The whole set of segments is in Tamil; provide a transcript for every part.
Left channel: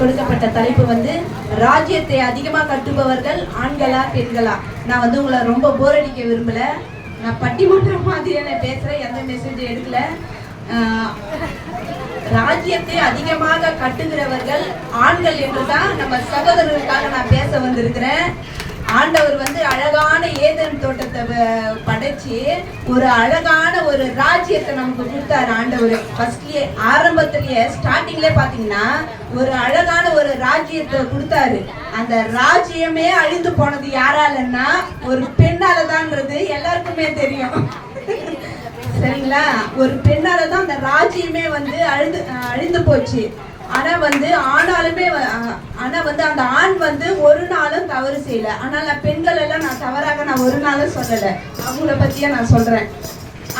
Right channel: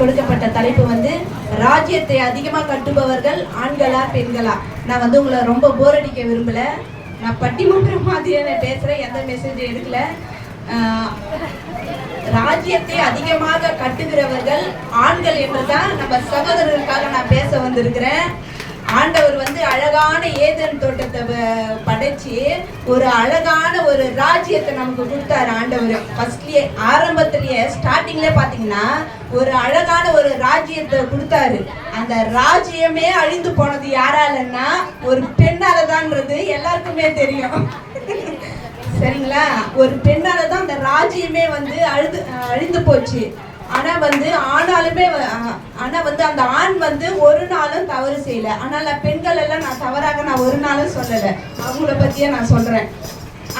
கொடுக்கப்பட்ட தலைப்பு வந்து ராஜ்யத்தை அதிகமாக கட்டுபவர்கள் ஆண்களா பெண்களா. நான் வந்து உங்களை ரொம்ப போர் அடிக்க விரும்பல. நான் பட்டிமன்றம் மாதிரியான பேசுகிறேன், எந்த மெசேஜும் எடுக்கல. ராஜ்யத்தை அதிகமாக கட்டுகிறவர்கள் ஆண்கள் என்று தான் நம்ம சகோதரர்களுக்காக நான் பேச வந்திருக்கிறேன். ஆண்டவர் வந்து அழகான ஏதேன் தோட்டத்தை படைச்சு ஒரு அழகான ஒரு ராஜ்யத்தை நமக்கு கொடுத்தாரு. ஆண்டவர் ஃபர்ஸ்ட்லயே ஆரம்பத்திலேயே ஸ்டார்டிங்லேயே பார்த்தீங்கன்னா ஒரு அழகான ஒரு ராஜ்யத்தை கொடுத்தாரு. அந்த ராஜ்யமே அழிந்து போனது யாராலன்னா ஒரு பெண்ணாலதான்றது எல்லாருக்குமே தெரியும். சரிங்களா? ஒரு பெண்ணால தான் அந்த ராஜ்யமே வந்து அழிந்து போச்சு. ஆனா வந்து அந்த ஆண் வந்து ஒரு நாளும் தவறு செய்யல. ஆனால் பெண்கள் எல்லாம் நான் தவறாக நான் ஒரு நாளும் சொல்லலை, அவங்கள பத்தியே நான் சொல்றேன்.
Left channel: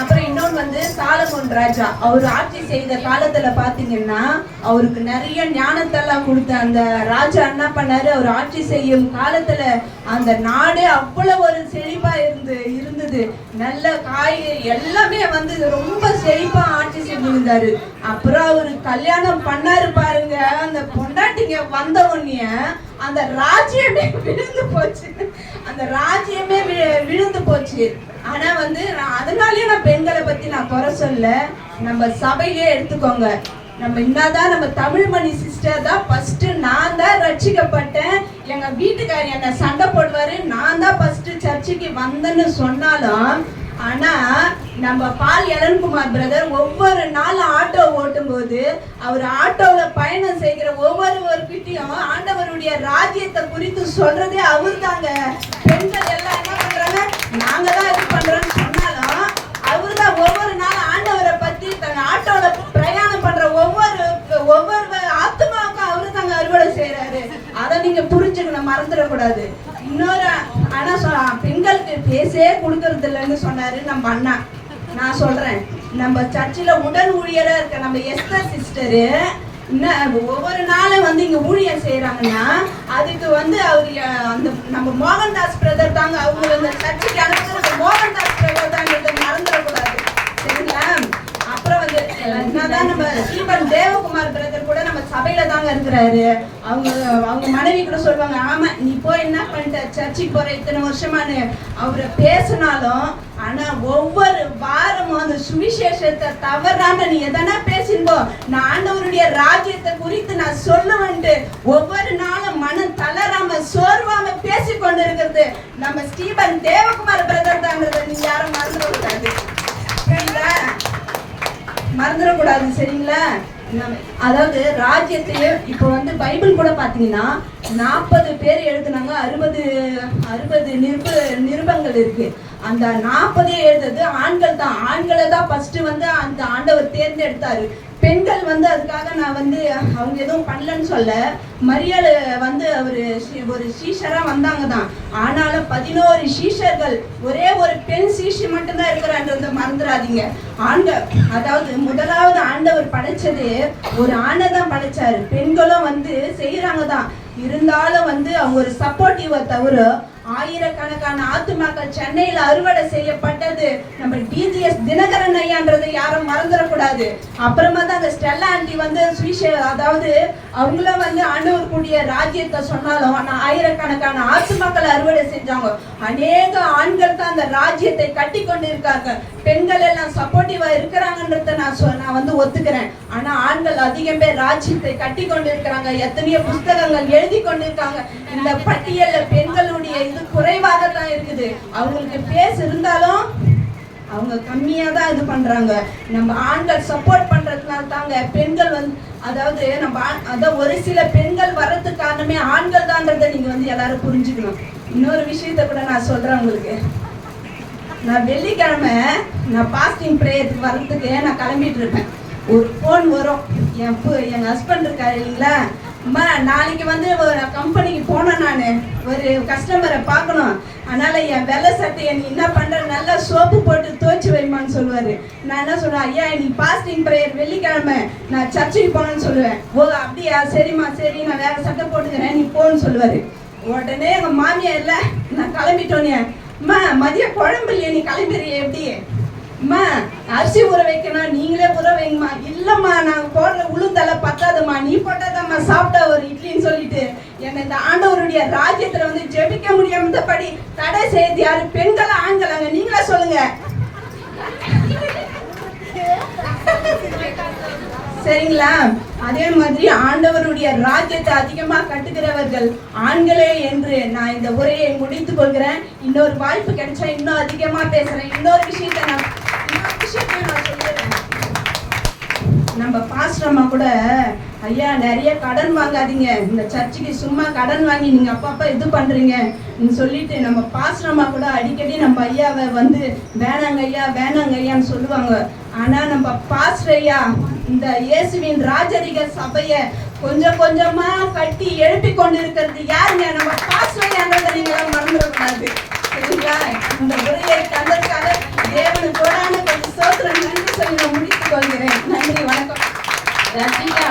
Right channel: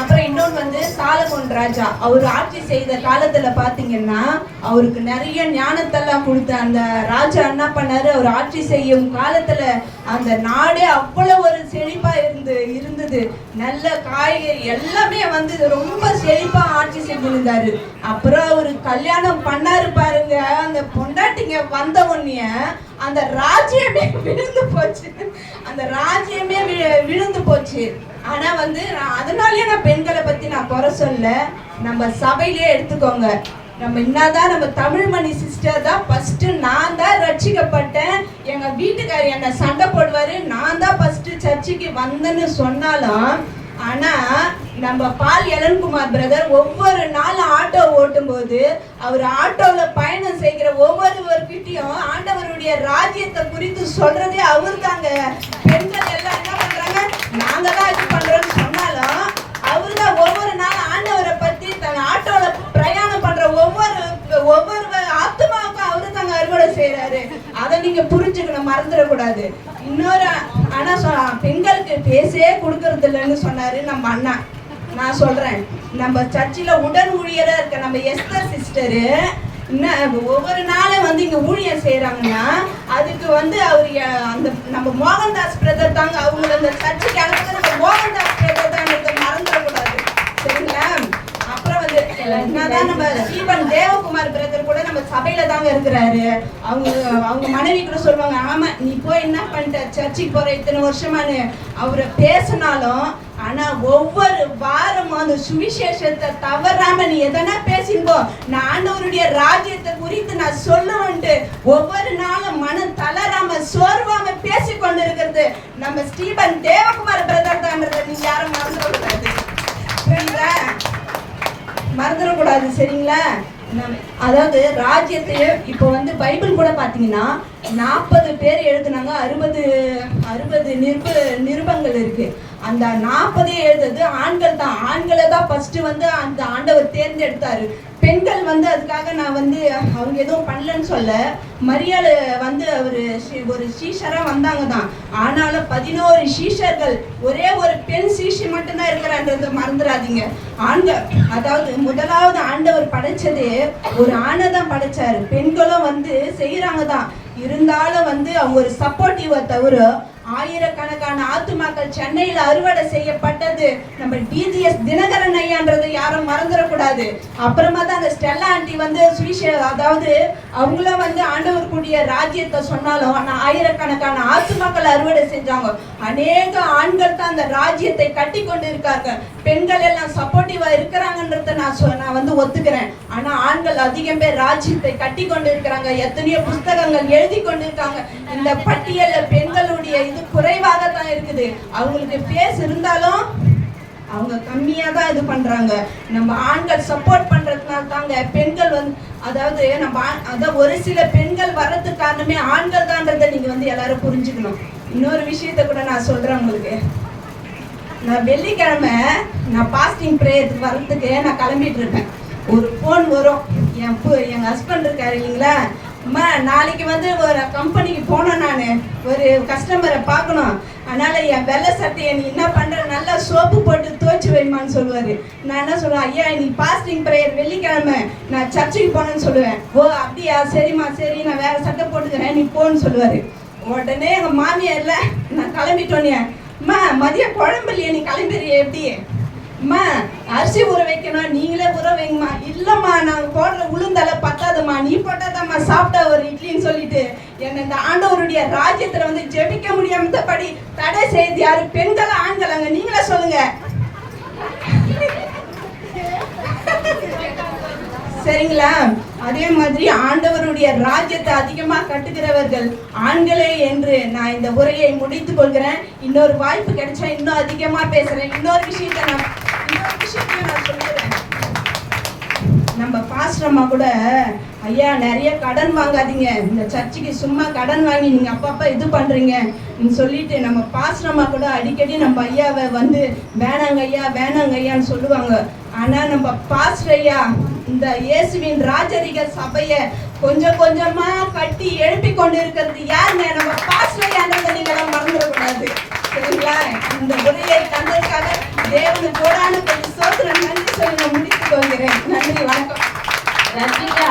அப்புறம் இன்னொன்று வந்து சாலமோன் ராஜா, அவர் ஆட்சி செய்த காலத்துல பாத்தீங்கன்னா அவருக்கு நிறைய ஞானத்தெல்லாம் கொடுத்த அந்த ராஜா என்ன பண்ணாரு, அவர் ஆட்சி செய்யும் காலத்துல அந்த நாடே அவ்வளவு ஒரு செழிப்பா இருந்தது. நல்ல காய்கறி எல்லாமே வந்து ரொம்ப செழிப்பா ஆட்சி செஞ்சிருந்தாரு. அப்புறம் அவரு கல்யாணம் பண்ணாரு பாருங்க, அந்த பொண்டாட்டிங்க வந்த உடனே அந்த ராஜ்யமே விழுந்து போச்சு. அந்த ராஜ்யமே விழுந்து போச்சு. ஆனா வந்து அதனாலயே நான் பெண்களை பத்தி நான் குறை சொல்ல. நம்ம சபையிலேயே எடுத்துக்கோங்க, நம்ம என்னதான் நம்ம தமிழ்மணி சிஸ்டர் தான் ஃபர்ஸ்ட் நான் தான் ரட்சிக்கப்பட்டேன், எங்க வீட்டுக்காரர் என்ன சண்டை போடுவாரு, நான் தான் ஃபர்ஸ்ட் சர்ச்சுக்கு வந்தேன்னு சொன்னாலும், ஆனா நம்ம பால் எலன்குமார் பிரதர் ஒவ்வொரு நாளும் ஆட்டோ ஓட்டும் போது அவர் ஆட்டோல பயணம் செய்கிற ஒவ்வொருவர்கிட்டையும் ஆண்டவருடைய ராஜ்யத்தை குறித்து சொல்றதே அவர் தாங்க. பெண்கள் எல்லாம் என்ன பண்றாங்க, நாங்க தான் இது பண்றோம்னு சொன்னாலும் அவரு தான் ஒவ்வொரு நாளும் ஆண்டவரை பத்தி தன் ஆட்டோல பிரயாணம் பண்ற ஒவ்வொரு ஆத்மாவுக்கும் அவரு தாங்க அறுவடை செய்யறாரு. அதை நீங்க புரிஞ்சுக்கணும், மறந்துடக்கூடாது. இன்னொரு ஆனா பெண்களுக்கு பேசவே கொடுக்கறது இல்லைன்னு சொன்னாரு நம்ம அண்ணா. நான் சொல்றேன், நம்ம சர்ச்சில் உடன் ஊழியரா இருக்க நம்ம எஸ்தர் சிஸ்டரு ஒவ்வொரு நாளும் வந்து இங்க ஊழியர் செய்யறாங்கன்னா அதுக்கு வந்து அவரு அந்த நம்ம மோகன்தாஸ் பிரதர் தாங்க. அவங்க அந்த சர்ச்சுக்கு அனுப்புறது மோகன்தாஸ் பிரதர் தாங்க, மறந்துடக்கூடாது. சரிங்களா? அப்புறம் வந்து என்னதான் நம்ம ஸ்டீபன் தேவகுமார் பிரதர் கூட நம்ம சபையில தாங்க இருக்கிறாரு. அவங்க மனைவி கூட சொல்லுவாங்க, ஆமா நீ போய் என்ன பண்ணிட்ட சர்ச்சுக்கு போற இத்தனை வருஷமானு அவரை பேசினாலும், ஆனா ஒவ்வொரு வாரமும் அந்த சுவிசேஷத்தை தவறாம நீ எதனா பேசிங்கோ, நான் ஆண்டவருடைய ராஜ்யத்தை குறித்து நான் சொல்லுவேன்ட்டு ஒவ்வொரு நாளும் மனம் தளராம சோர்வாம பேசிக்கொண்டு இருக்கிறது நம்ம ஸ்டீபன் தேவகுமார் பிரதர் தாங்கிறத நீங்க யாரும் மறந்துடக்கூடாது. மறந்துடக்கூடாது. சரிங்களா? அதாவது ராஜ்யத்தையே இப்போ வந்து பைபிள் கூட பாத்தீங்கன்னா 40 பேர் எழுதுனாங்க, 60 நிருபங்கள் இருக்கு. அந்த 40 எழுதுறது ஆண்கள் தான். ஆண்களை தான் ஃபர்ஸ்ட் வந்து அந்த ஆண்டவர் தேர்ந்தெடுத்தாரு. பெண்கள் வந்து அதுக்காக நான் வந்து அவங்க எதுவும் பண்ணலன்னு சொல்ல. மரியாதை வந்து ஒரு சீஷரா வந்தாங்க தான். ஆனாலும் 11 சீஷர்கள், ஒரே ஒரு பெண் சீஷி மட்டும்தான் இருக்கிறான்றத மறந்துடாதீங்க. ஆண்கள் அதாவது முதலாவது ஆண்டவர் படைச்சது ஒரு ஆணை தான் படைச்சாரு. பெண்களும் வந்து செய்யறாங்க தான். இருந்தாலும் வந்து அவங்க ஒரு சப்போர்ட்டிவ தவிர ஆயிரக்கணக்கான ஆத்துமாக்கள் சென்னையில அறுவடை செய்யப்பட்டது நம்ம டிஜிஎஸ் தினகரன் ஐயான்றது யாரும் மறந்துடக்கூடாது. அப்புறமா தான் அந்த ஸ்டெல்லா ஆண்டி வந்து அதாவது அவங்களும் வந்து ஆண்டவர் கூடிய ராஜ்யத்தை சொன்னாலும் ஆனா ஆயிரக்கணக்கான ஆத்துமாக்கள் அறுவடை செஞ்சாங்க. அநேக ஆண்கள் தான் அந்த ராஜ்யத்தை கட்டி கொண்டு இருக்காங்க. பெண்கள் எல்லாம் சப்போர்ட்டிவா இருக்கிறாங்கன்றத நான் வந்து ஒத்துக்கிறேன். ஆனா ஆண்கள் அதிகம் பேர் ராஜ்யத்தை கட்டி கொண்டு இருக்கிறாங்க. எத்தனையோ புஸ்தகங்கள் எழுதி கொண்டு இருக்காங்க. இந்த பட்டியல்ல பெண்களுடைய இது குறைவாக தான் இருக்குது. அவங்களுக்கு பேச இருந்தாலும் அவங்க கம்மியா தான் இது பண்றாங்க. நம்ம ஆண்கள் சப்போர்ட் பண்றதுனால தாங்க பெண்கள் வந்து அதாவது ஒரு சில பெண்கள் வர்றதுக்கு காரணமே ஆண்கள் தான்றதை நீங்க வந்து எல்லாரும் புரிஞ்சுக்கணும். இன்னொரு விஷயத்த கூட நான் சொல்றேன் உங்களுக்கு. நான் வெள்ளிக்கிழமை நான் பாஸ்டிங் பிரேயருக்கு வர்றதுக்கு நான் கிளம்பிட்டு இருப்பேன். ஒரு ஃபோன் வரும். எங்க ஹஸ்பண்ட் இருக்காரு இல்லைங்களா, அம்மா நாளைக்கு வந்து ஒரு கம்பெனிக்கு போனேன், நான் ஒரு கஸ்டமரை பார்க்கணும், அதனால என் வெள்ளை சட்டையை நீ என்ன பண்ற, நல்லா சோப்பு போட்டு துவைச்சு வைமான்னு சொல்லுவாரு. நான் என்ன சொல்லுவேன், ஐயா நீ பாஸ்டிங் பிரேயர் வெள்ளிக்கிழமை நான் சர்ச்சுக்கு போனேன்னு சொல்லுவேன். ஓ அப்படியா, சரிம்மா சரி நான் வேற சட்டை போட்டுக்கிறேன் நீ போன்னு சொல்லுவாரு. உடனே எங்க மாமியார் இல்ல நான் கிளம்பிட்டோன்னே, அம்மா மதியம் குழம்பு இல்லையா நீ கிளம்பிடுறிய எப்படி அம்மா அரிசி ஊற வைக்கணும், நீங்களே ஊற வைங்கம்மா. இல்லம்மா நான் போடுற உளுந்தலை பத்தாதும்மா, நீ போட்டாதாம்மா சாப்பிட்டா ஒரு இட்லின்னு சொல்லிட்டு என்னை இந்த ஆண்டவருடைய ராஜ்யத்துல வந்து ஜெபிக்க முடியாமத்தபடி தடை செய்து யாரு? பெண்களா ஆண்களாங்க? நீங்களே சொல்லுங்க. சரிங்களா? அதே மாதிரி ஆண்டவருடைய ராஜ்யத்தை அதிகமா கட்டுகிறவர்கள் ஆண்களே என்று நான் இந்த உரையை முடித்துக் கொள்கிறேன். இன்னொரு வாய்ப்பு கிடைச்சா இன்னும் அதிகமா பேசுறேன். இன்னொரு விஷயத்தையும் நான் சொல்லிடுறேன். நம்ம பாஸ்டர்மா கூட, ஐயா நிறைய கடன் வாங்காதீங்க, இந்த சர்ச்சுக்கு சும்மா கடன் வாங்கி நீங்க அப்பப்ப இது பண்றீங்க சொல்லிட்டு நம்ம பாஸ்டர்மா கூட அடிக்கடி நம்ம ஐயாவை வந்து வேணாங்க ஐயா வேணாங்க ஐயான்னு சொல்லுவாங்க. ஆனா நம்ம பாஸ்டர் ஐயா இந்த இயேசுவின் ராஜரிக சபைய கொஞ்சம் கொஞ்சமா கட்டி எழுப்பி கொண்டு இருக்கிறது யாருங்க? நம்ம பாஸ்டர் ஐயான்றதை நீங்க மறந்துடக்கூடாது. சரிங்களா? இந்த உரையை தந்ததுக்காக தேவனுக்கு கோடான கொஞ்சம் சோத்திரம் நன்றி சொல்லி நான் முடித்துக் கொள்கிறேன். நன்றி, வணக்கம். ரசிகா